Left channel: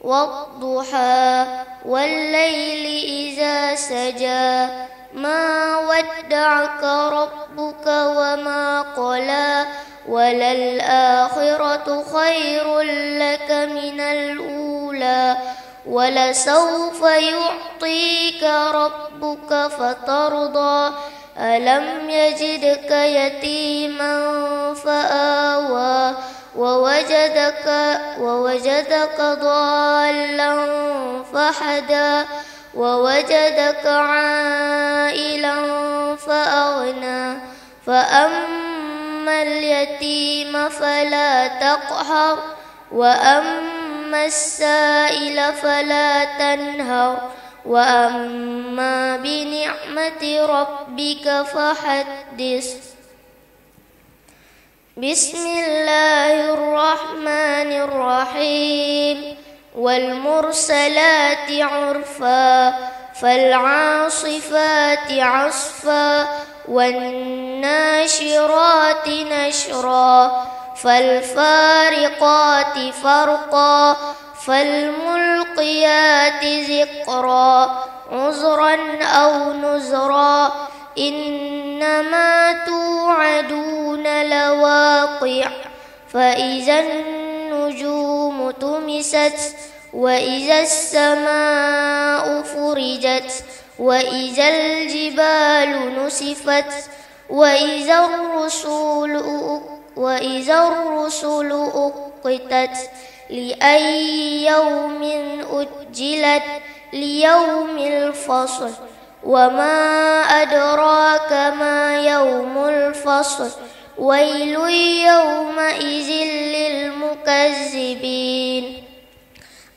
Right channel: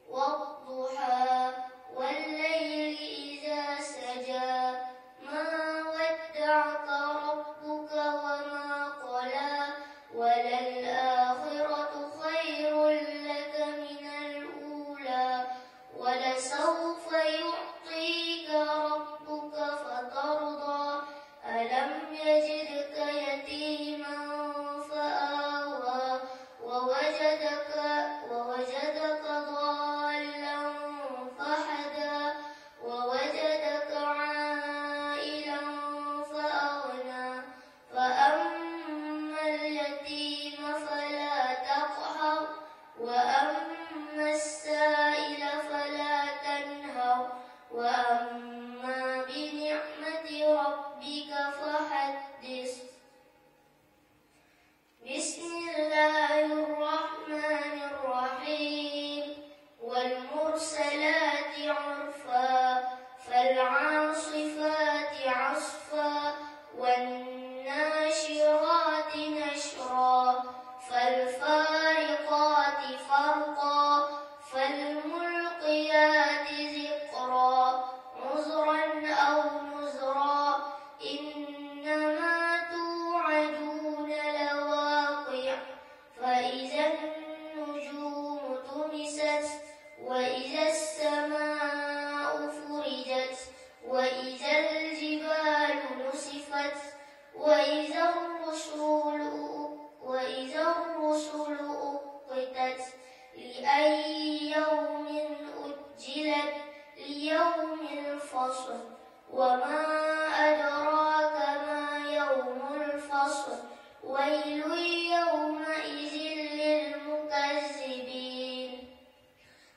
والضحى والليل إذا سجى ما ودعك ربك وما قلى وللآخرة خير لك من الأولى ولسوف يعطيك ربك فترضى ألم يجدك يتيما فآوى ووجدك ضالا فهدى ووجدك عائلا فأغنى فأما اليتيم فلا تقهر وأما السائل فلا تنهر وأما بنعمة ربك فحدث. بسم الله الرحمن الرحيم والمرسلات عرفا فالعاصفات عصفا والناشرات نشرا فالفارقات فرقا فالملقيات ذكرا عذرا أو نذرا إنما توعدون لواقع فإذا النجوم طمست وإذا السماء فرجت وإذا الجبال نسفت وإذا الرسل أقتت لأي يوم أجلت ليوم الفصل وما أدراك ما يوم الفصل ويل يومئذ للمكذبين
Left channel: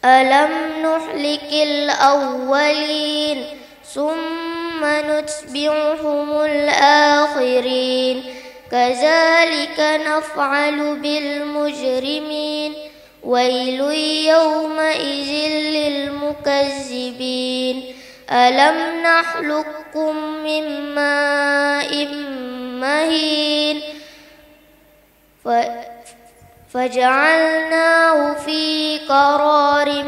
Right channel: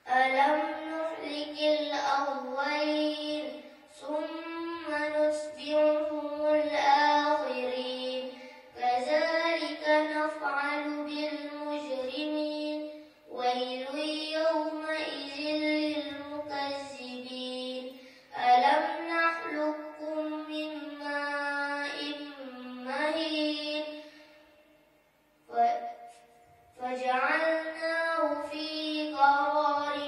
ألم نهلك الأولين ثم نتبعهم الآخرين كذلك نفعل بالمجرمين ويل يومئذ للمكذبين ألم نخلقكم من ماء مهين فجعلناه في قرار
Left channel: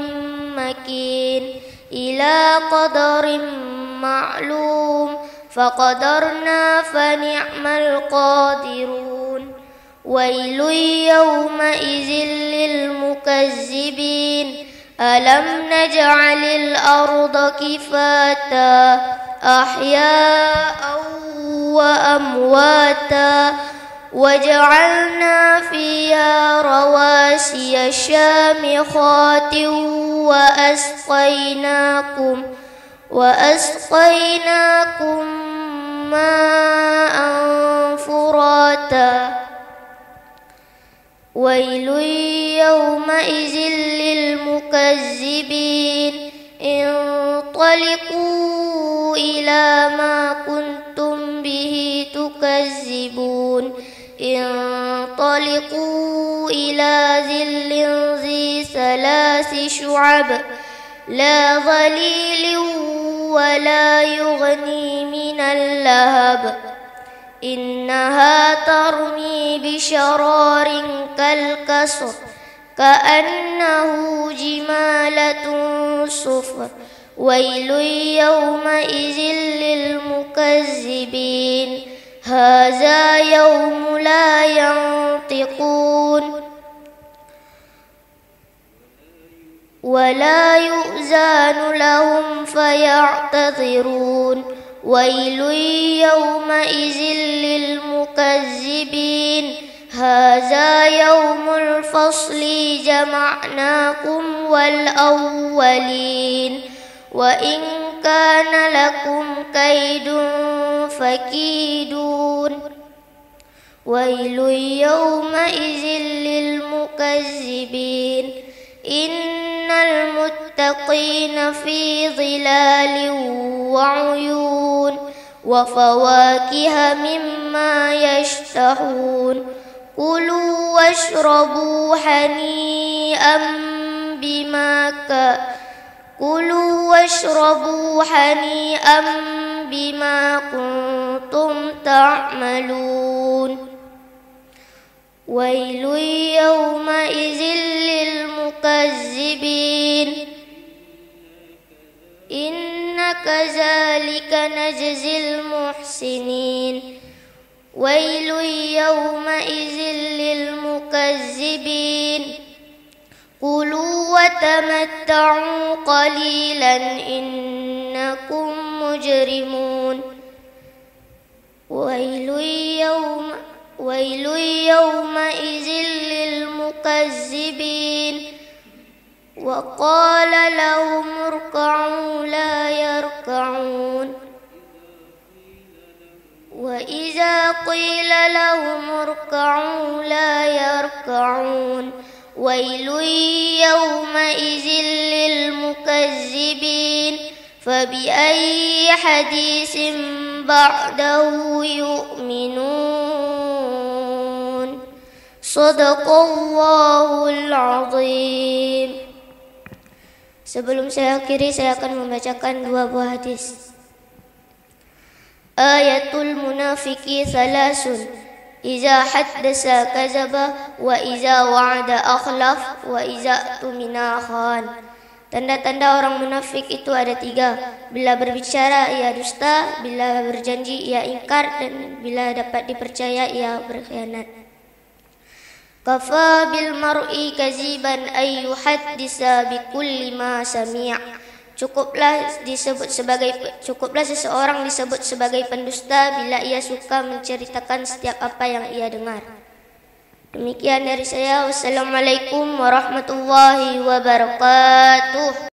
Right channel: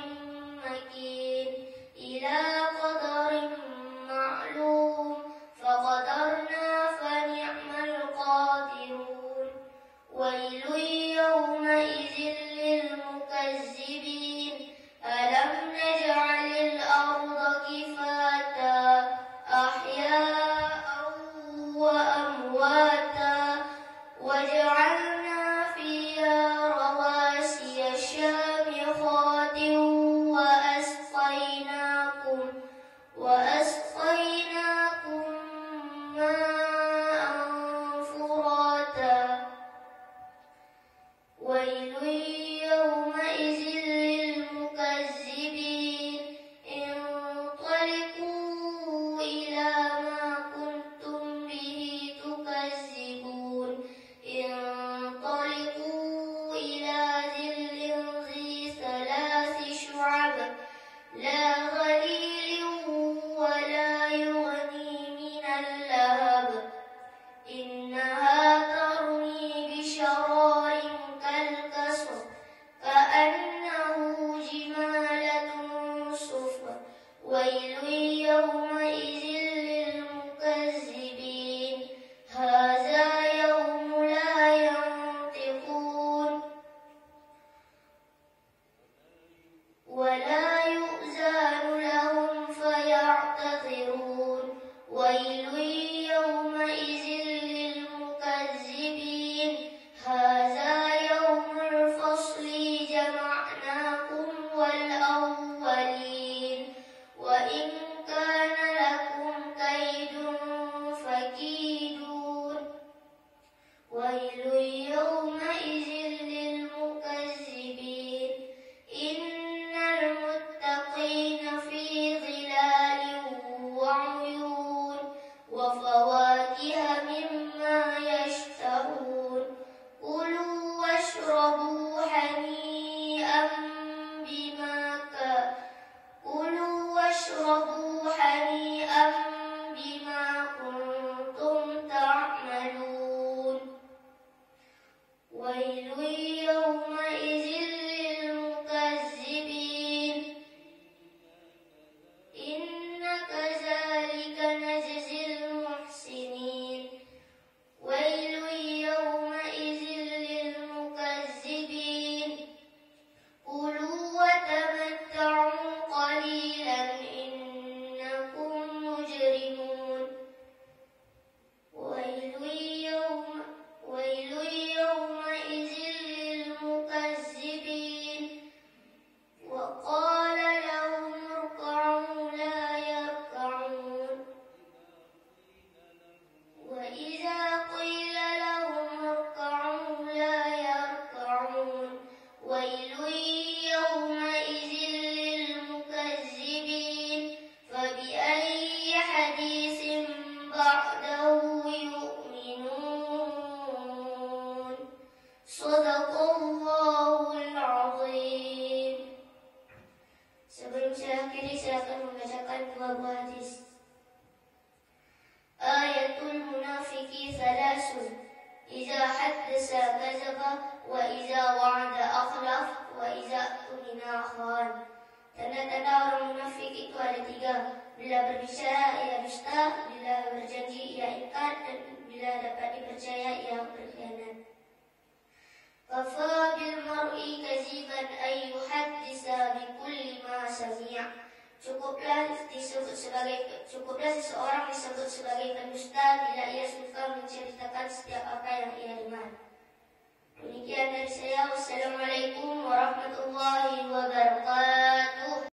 مكين إلى قدر معلوم فقدرنا فنعم القادرون ويل يومئذ للمكذبين ألم نجعل الأرض كفاتا أحياء وأمواتا وجعلنا فيها رواسي شامخات وأسقيناكم ماء فراتا ويل يومئذ للمكذبين انطلقوا إلى ما كنتم به تكذبون انطلقوا إلى ظل ذي ثلاث شعب لا ظليل ولا يغني من اللهب إنها ترمي بشرار كالقصر كأنه جمالة صفر ويل يومئذ للمكذبين هذا يوم لا ينطقون ولا يؤذن لهم فيعتذرون ويل يومئذ للمكذبين هذا يوم الفصل جمعناكم والأولين وإن كان لكم كيد فكيدون ويل يومئذ للمكذبين إن المتقين في ظلال وعيون وفواكه مما يشتهون كلوا واشربوا هنيئا بما كنتم تعملون ويل يومئذ للمكذبين نجزي المحسنين ويل يومئذ للمكذبين كلوا وتمتعوا قليلا إنكم مجرمون ويل يومئذ للمكذبين وقال لهم اركعوا لا يركعون وإذا قيل لهم اركعوا لا يركعون ويل يومئذ للمكذبين فبأي حديث بعده يؤمنون صدق Allahul Azim. Sebelum saya akhiri, saya akan membacakan dua buah hadis. Ayatul munafiki thalasun iza haddasa kazaba wa iza wa'ada akhlaf wa iza tumina khan. Tanda-tanda orang munafik itu ada tiga. Bila berbicara ia dusta, bila berjanji ia ingkar, dan bila dapat dipercaya ia berkhianat. Kafa bil mar'i kaziban ay yuhaddisa bi kulli ma sami'. Cukuplah seseorang disebut sebagai pendusta bila ia suka menceritakan setiap apa yang ia dengar. Demikian dari saya. Wassalamualaikum warahmatullahi wabarakatuh.